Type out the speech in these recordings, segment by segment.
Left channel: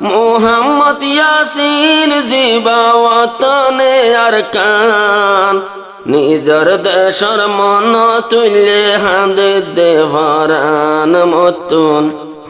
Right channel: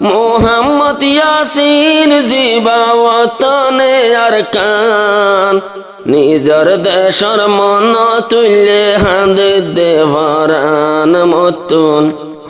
মোহাম্মদ ইয়াসিন জিবা ওয়াতনে আরকান নিজর দেশর মন তুল্যে হাঁদে দেভারান মতুন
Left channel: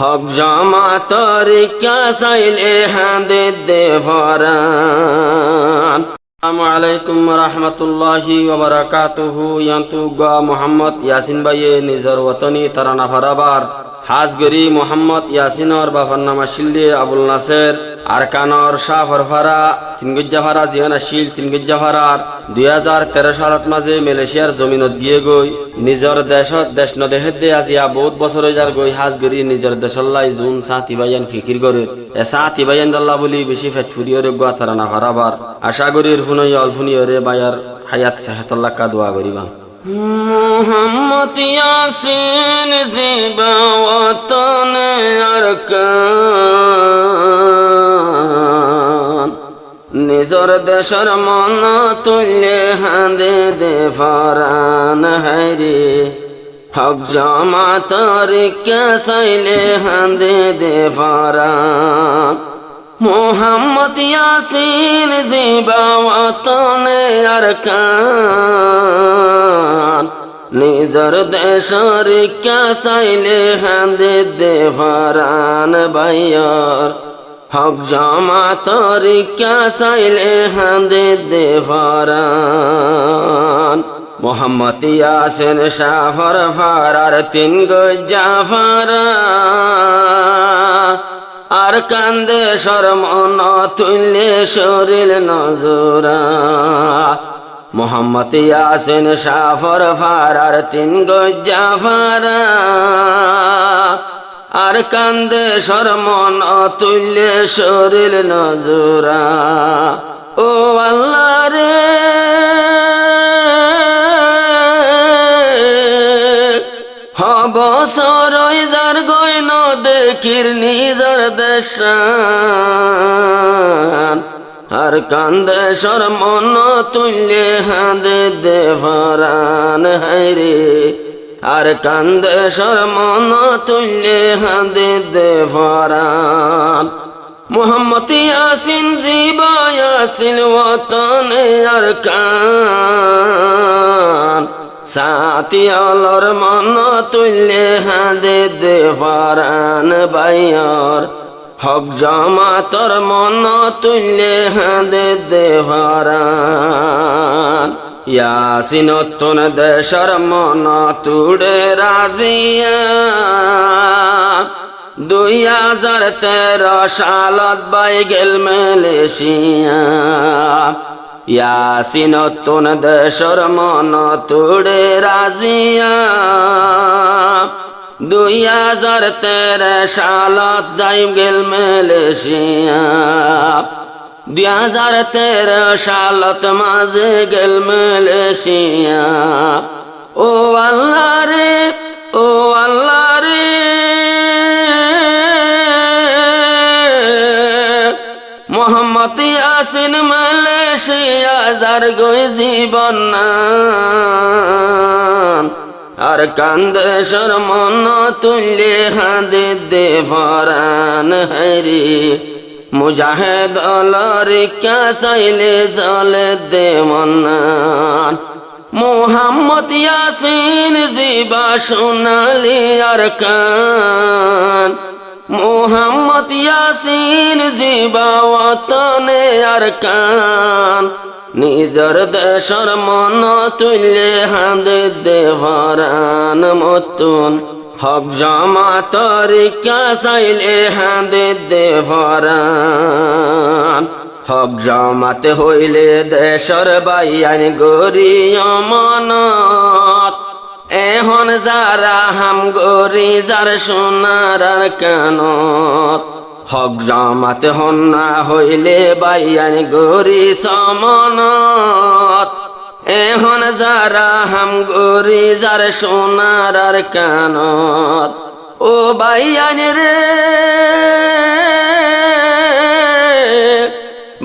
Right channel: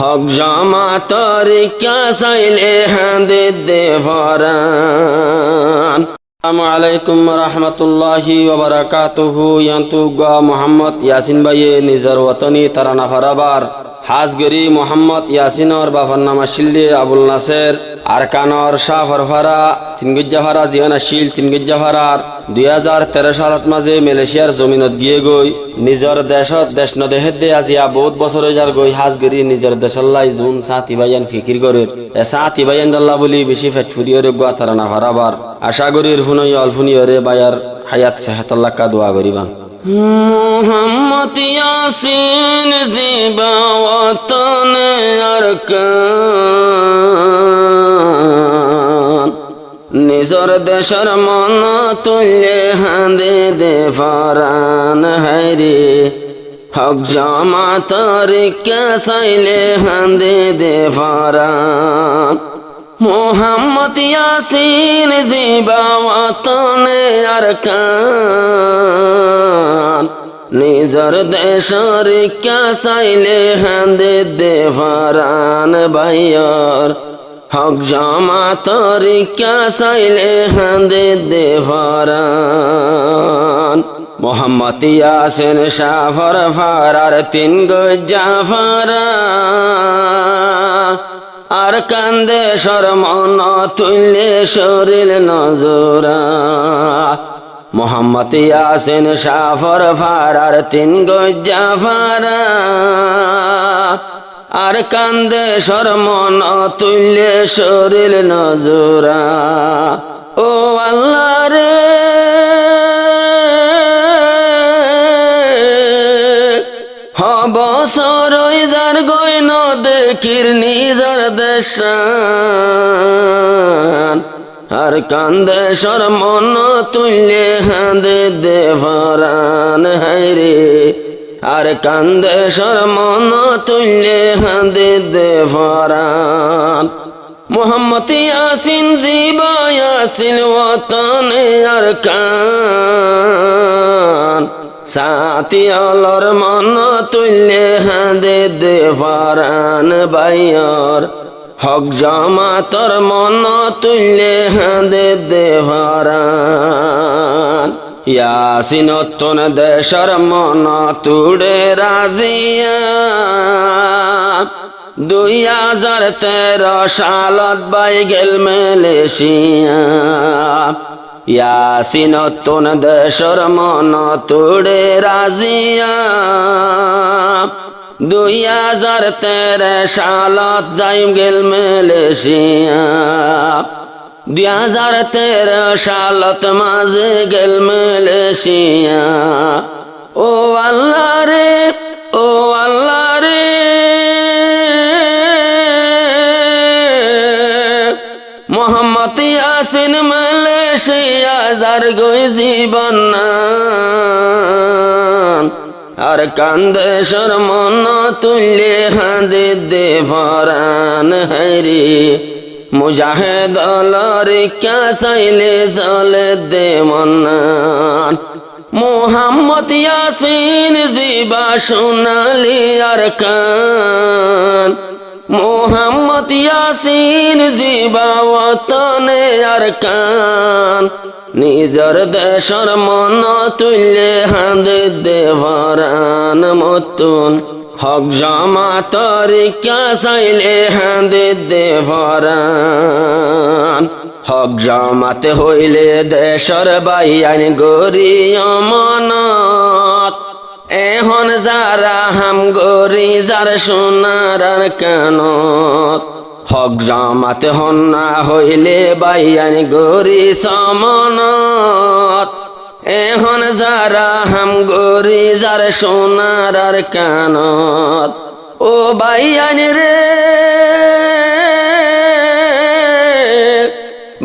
হক জামাতর ক্যা সাইলে হাঁদে দেভারান। আসসালামু আলাইকুম রহমতুল্লাহি ওয়া বারাকাতুহু। ইয়ান্তুগা মোহাম্মদ ইয়াসিন ভাইয়ে নিজর ওয়াতনি তারানা ফারাবার হাজগরি মোহাম্মদ ইয়াসিনর বাফার নামা শিল্লি আবুল নাসের আরকানর শাহরফারা তিনগুজ্জাফারা জিয়ানা শিল তিনগুজ্জাফারার 2013 সালত মাঝে মালয়েশিয়ার জমিনত গিয়ে গই নিজর দেশত দেশ নদেহের দে আজিয়া বহুত বছর যার গই হাজগরি নিজর দেশল্লাই জুন সাথী ভাইয়ান ফিকির করে এ সাথী ভাইয়ান দল্লা বলি বেশি ফেটফুরিয়র গোয়া তারানা ফারাবার আশা করির হুনই অলফুনিয়রে বায়ার হায়াত সেহাতল্লাহ কা দোয়া করিবা। মোহাম্মদ ইয়াসিন জিবা ওয়াতনে আরকান নিজর দেশর মন তুল্যে হাঁদে দেভারান হায়রে হক জামাতর ক্যা সাইলে হাঁদে দেভারান। মোহাম্মদ ইয়াসিন জিবা ওয়াতনে আরকান নিজর দেশর ক্যা সাইলে হাঁদে দেভারান ভাইয়ার হক জামাতর ক্যা সাইলে হাঁদে দেভারান। মোহাম্মদ ইয়াসিন শাফর ফারার তিন গুজ্জাফারা আর কান্দে শরমন তুল্যে শরীর নজরা। মোহাম্মদ ইয়াসিন শাফর ফারার তিন গুজ্জাফারা আর কান্দে শরমন তুল্যে শরীর নজরা। ও আল্লাহ রে বছর যার গয়ন দেখির নিজর দেশান আর কান্দে শরমন তুল্যে হাঁদে দেভারান হায়রে আর কান্দে শরমন তুল্যে হাঁদে দেভারান। মোহাম্মদ ইয়াসিন জিবা ইয়াসিন ওয়াতনে আরকান সাথী আলোর মন তুল্যে হাঁদে দেভারান ভাইয়ার হক জামাতর মন তুল্যে হাঁদে দেভারান। ইয়াসিন তোন দেশর মন তুড়ে রাজিয়া 2013 সালত বাই গেল মালয়েশিয়া। ইয়াসিন তোন দেশর মন তুড়ে রাজিয়া 2013 সালত যাইম গেল মালয়েশিয়া। 2013 সালত মাঝে গেল মালয়েশিয়া। ও আল্লাহ রে ও আল্লাহ রে মোহাম্মদ ইয়াসিন মালয়েশিয়া যার গই জীবন আর কান্দে শরমন তুল্যে হাঁদে দেভারান হায়রে মুজাহিদ আল্লাহর ক্যা সাইলে জলে দে মন্নান। মোহাম্মদ ইয়াসিন জিবা সোনালি আরকান মোহাম্মদ ইয়াসিন জিবা ওয়াতনে আরকান নিজর দেশর মন তুল্যে হাঁদে দেভারান মতুন হক জামাতর ক্যা সাইলে হাঁদে দেভারান। হক জামাতে হইলে দেশর বাইয়ান গরি অমানত এখন যারা হাম গরি যার সোনার কানত হক জামাতে হন না হইলে বাইয়ান গরি সমানত এখন যারা হাম গরি যার সোনার কানত। ও বাইয়ান রে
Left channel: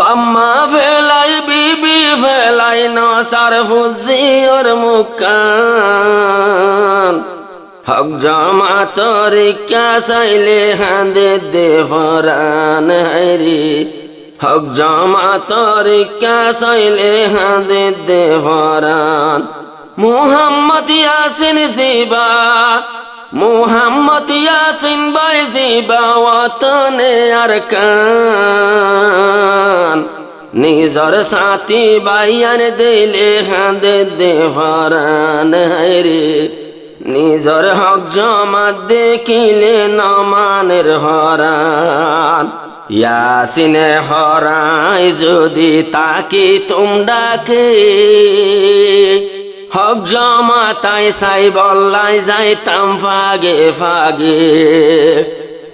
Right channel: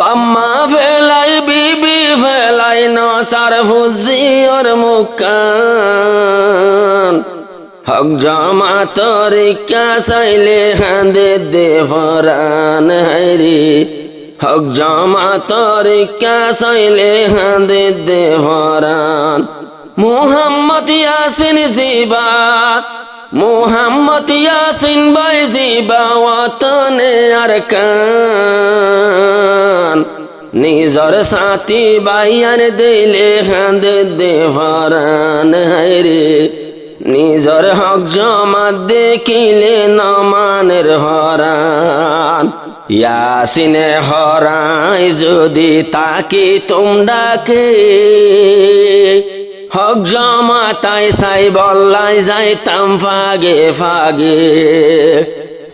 বাম্মা ফেলাই বিবি ফেলাই নসার ফুজি ওর মুকান হক জামাতর কা চাইলে হাঁদে দে ফরান হাইরে হক জামাতর কা চাইলে হাঁদে দে ফরান মোহাম্মদ ইয়াসিন জিবা মোহাম্মদ ইয়াসিন ভাই জিবা ওয়াতনে আরকান নিজর সাথী বাইয়ার দিলে হাঁদে দে ফরান হাইরে নিজর হক জামাত দেখিলে নমানের হরান ইয়াসিনে হরাই যদি তাকে তোমরাকে হক জামাতাই সাই বল্লাই যাইতাম ফাগে ফাগে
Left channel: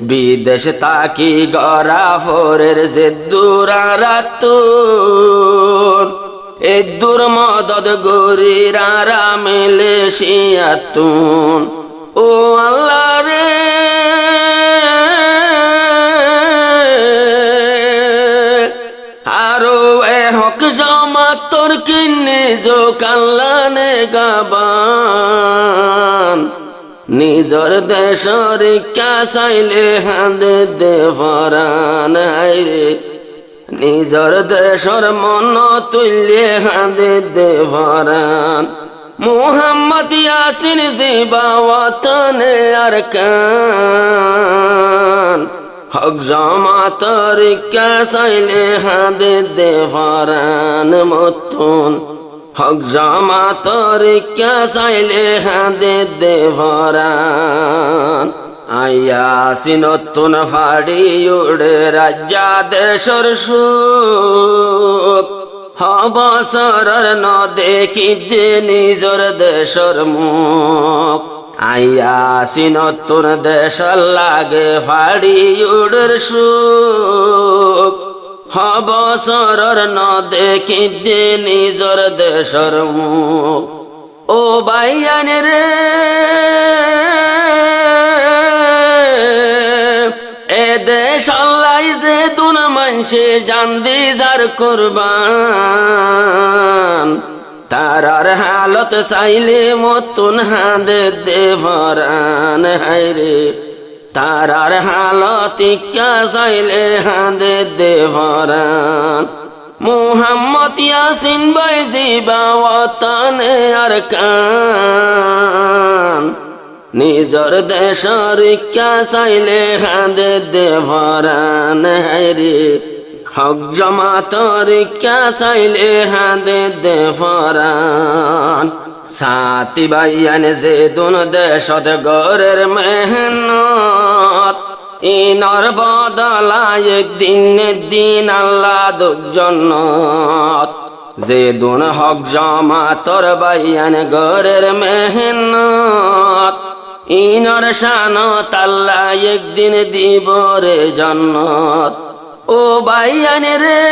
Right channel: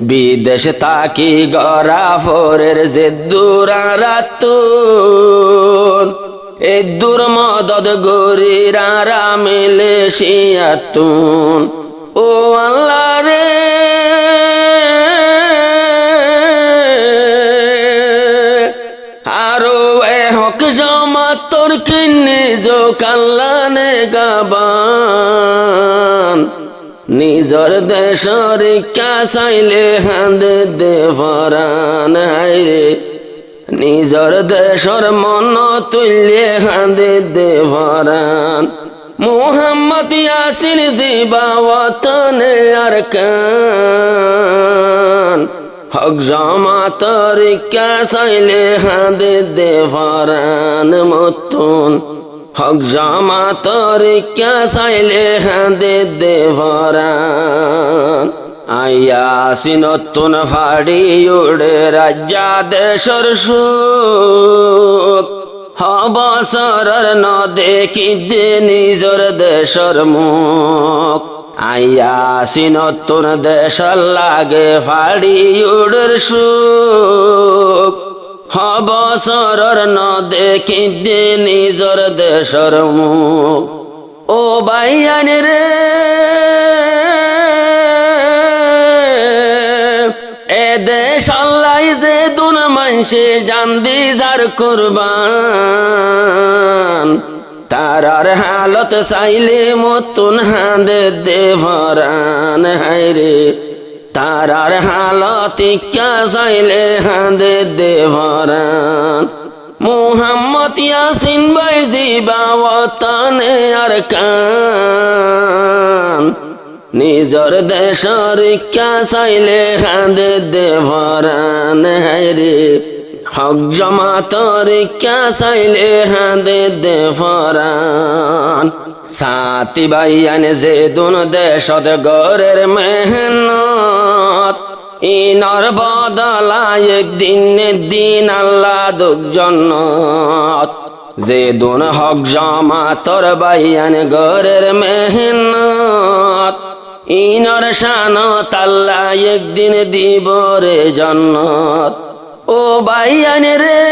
বিদেশ তাকি গড়া ফোরের যে দূরারাতুন এ দূর মদদ গরিরা মেলে শিয়াতুন ও আল্লাহ রে আরো এ হক জামাত তোর কিনে জো কাল্লানে গাবান নিজর দেশর কা চাইলে হাঁদে দে ফরান হাইরে নিজর দেশর মন তুল্যে হাঁদে দে ফরান মোহাম্মদ ইয়াসিন জিবা ওয়াতনে আরকান হক জামাতর কা চাইলে হাঁদে দে ফরান মতুন হক জামাতর কা চাইলে হাঁদে দে ফরান ইয়াসিন তুন ফাড়ি উড়ে রাজ্যা দেশর সুখ হবসরর ন দেখি দে নিজর দেশর মুখ ইয়াসিন তুন দেশ লাগে ফাড়ি উড়ের সুখ হবসরর ন দেখি দে নিজর দেশর মুখ ও বাইয়ান রে এ দেশ আল্লাহ যে দুন মানসে জান দি যার কুরবান তারার হালত চাইলে মতুন হাঁদে দে ফরান হাইরে তারার হালত কা চাইলে হাঁদে দে ফরান মোহাম্মদ ইয়াসিন ভাই জিবা ওয়াতনে আরকান নিজর দেশর কা চাইলে হাঁদে দে ফরান হাইরে হক জামাতর কা চাইলে হাঁদে দে ফরান সাথী বাইয়ান যে দুন দেশত গরের মেহনত ইনার বদলায় একদিন দিন আল্লাহ দুঃখ জন্নত যে দুন হক জামাতর বাইয়ান গরের মেহনত ইনার শানত আল্লাহ একদিন দিব রে জন্নত ও বাইয়ান রে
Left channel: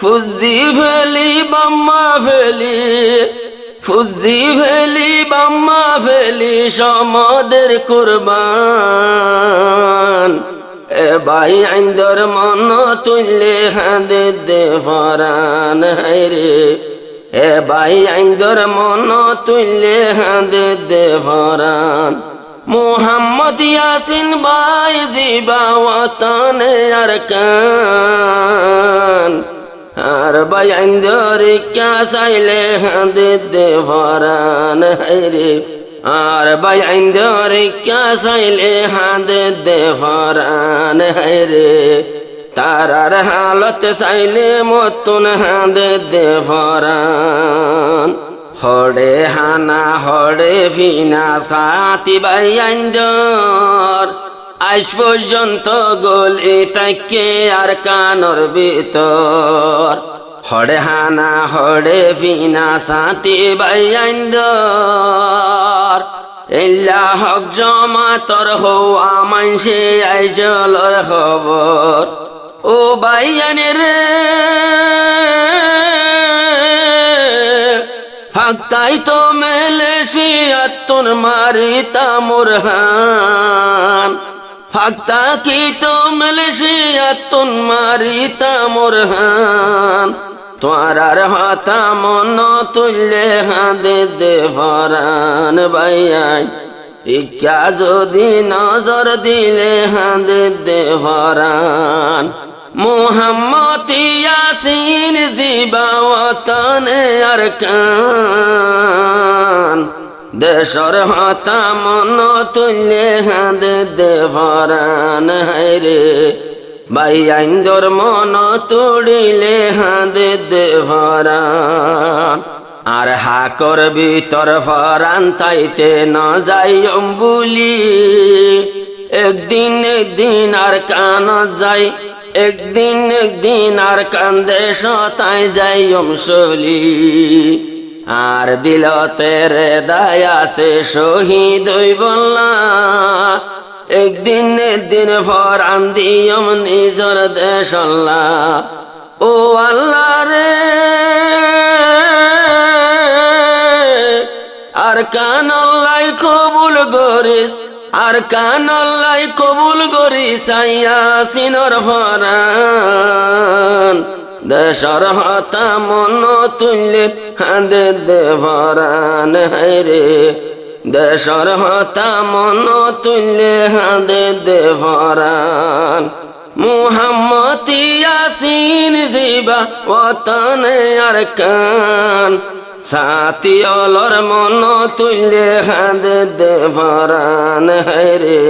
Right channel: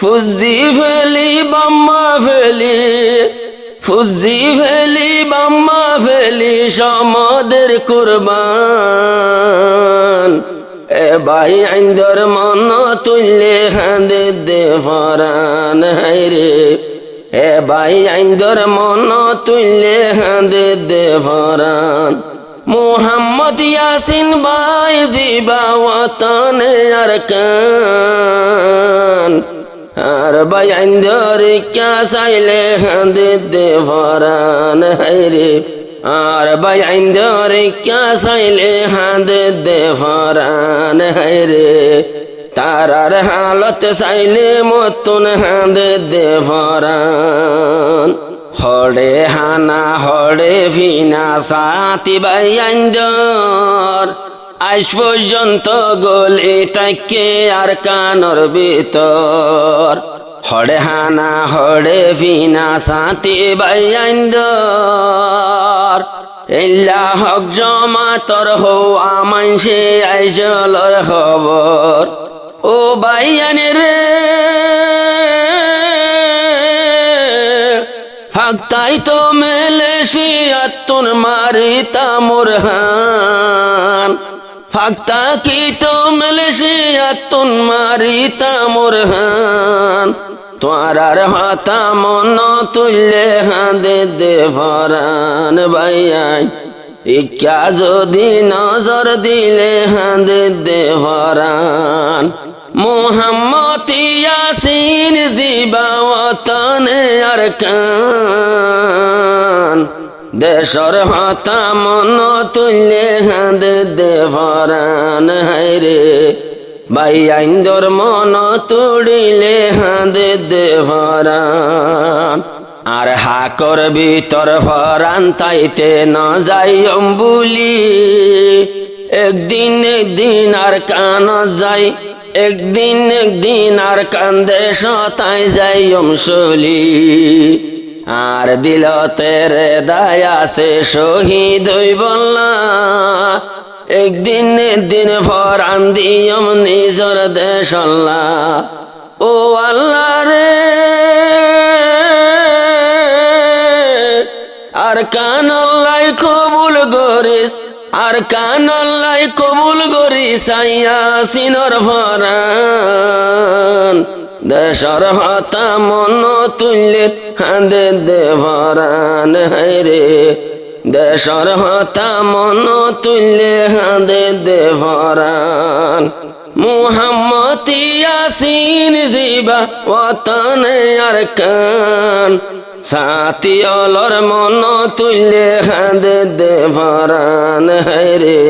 ফুজি ফেলি বাম্মা ফেলি ফুজি ফেলি বাম্মা ফেলি সমদের কুরবান এ ভাই আইন্দর মন তুললে হাঁদে দে ফরান হাইরে এ ভাই আইন্দর মন তুললে হাঁদে দে ফরান মোহাম্মদ ইয়াসিন ভাই জিবা ওয়াতনে আরকান আর ভাই আইন্দর কা চাইলে হাঁদে দে ফরান হাইরে আর ভাই আইন্দর কা চাইলে হাঁদে দে ফরান হাইরে তারার হালত চাইলে মতুন হাঁদে দে ফরান হড়ে হানা হড়ে ভিনা সাথী ভাই আইন্দর আজ পর্যন্ত গলি তাকে আর কানর ভিতর হড়ে হানা হড়ে ভিনা সাথী ভাই আইন্দর এল্লা হক জামাতর হওয়া মানসে আইজলর খবর ও বাইয়ান রে ফাক্তাই তো মেলে শিয়াতুন মারিতা মুরহান ফাক্তা কি তো মেলে শিয়াতুন মারিতা মুরহান তোরার হতা মন তুললে হাঁদে দে ভরান ভাইয়াই ইচ্ছা যদি নজর দিলে হাঁদে দে ভরান মোহাম্মদ ইয়াসিন জিবা ওয়াতনে আরকান দেশর হতা মন তুললে হাঁদে দে ভরান হায়রে ভাই আইন্দর মন তুড়িলে হাঁদে দে ভরান আর হাকর ভিতর ভরান তাইতে ন যাই অম্বুলি একদিন আর কান যাই একদিন আর কান্দে সতাই যাই অমসলি আর দিল তেরে দায়া সে শহীদ বললা একদিন ভরান দিয়ম নিজর দেশ আল্লাহ ও আল্লাহ রে আর কান আল্লাহ কবুল করিস আর কান আল্লাহ কবুল করিস ইয়াসিনের ভরান দেশর হতা মন তুললে হাঁদে দে ভরান হায়রে দেশর হতা মন তুললে হাঁদে দে ভরান মুহাম্মদ ইয়াসিন জিবা ওয়াতনে আরকান সাথী অলর মন তুললে হাঁদে দে ভরান হায়রে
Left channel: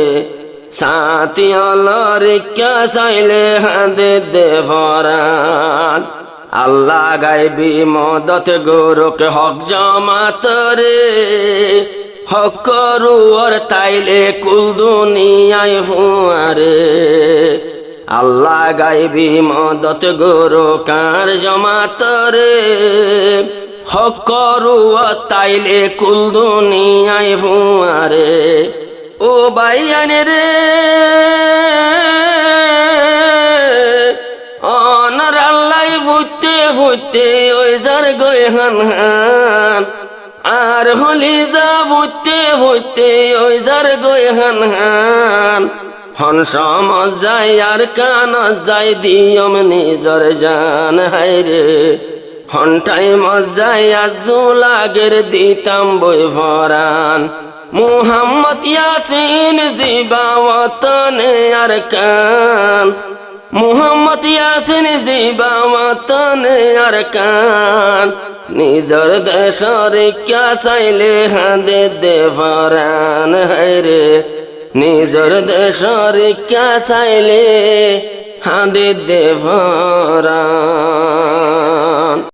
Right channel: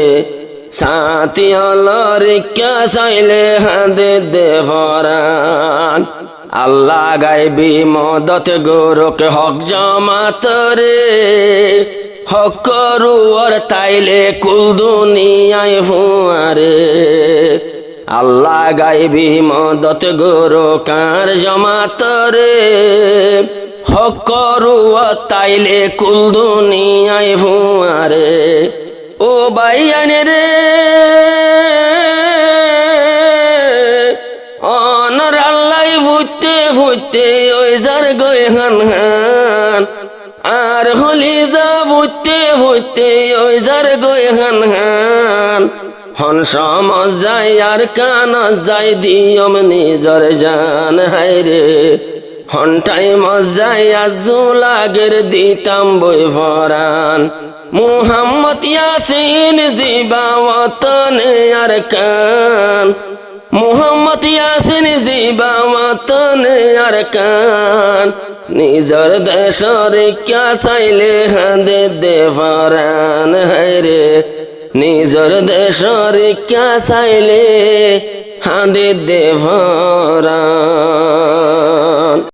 সাথী অলর কে চাইলে হাঁদে দে ভরান আল্লাহ গাইবি মদত গোরক হক জমাত রে হক করুয়ার তাইলে কুল দুনিয়ায় ফুয়ারে আল্লাহ গাইবি মদত গোরকার জমাত রে হক করুয়ার তাইলে কুল দুনিয়ায় ফুয়ারে ও বাইয়ান রে অনর আল্লাহ ভুতে ওই যার গই হান হান আর হলি যা ভুতে ওই যার গই হান হান হন সমজ যাই আর কান যাই দিয়ম নিজর জান হায়রে হনটাই মজাই আজু লাগের দিতাম বই ভরান মুহাম্মদ ইয়াসিন জিবা ওয়াতনে আরকান মুহাম্মদ ইয়াসিন জিবা ওয়াতনে আরকান নিজর দেশর কে চাইলে হাঁদে দে ভরান হায়রে নিজর দেশর কে চাইলে হাঁদে দে ভরান।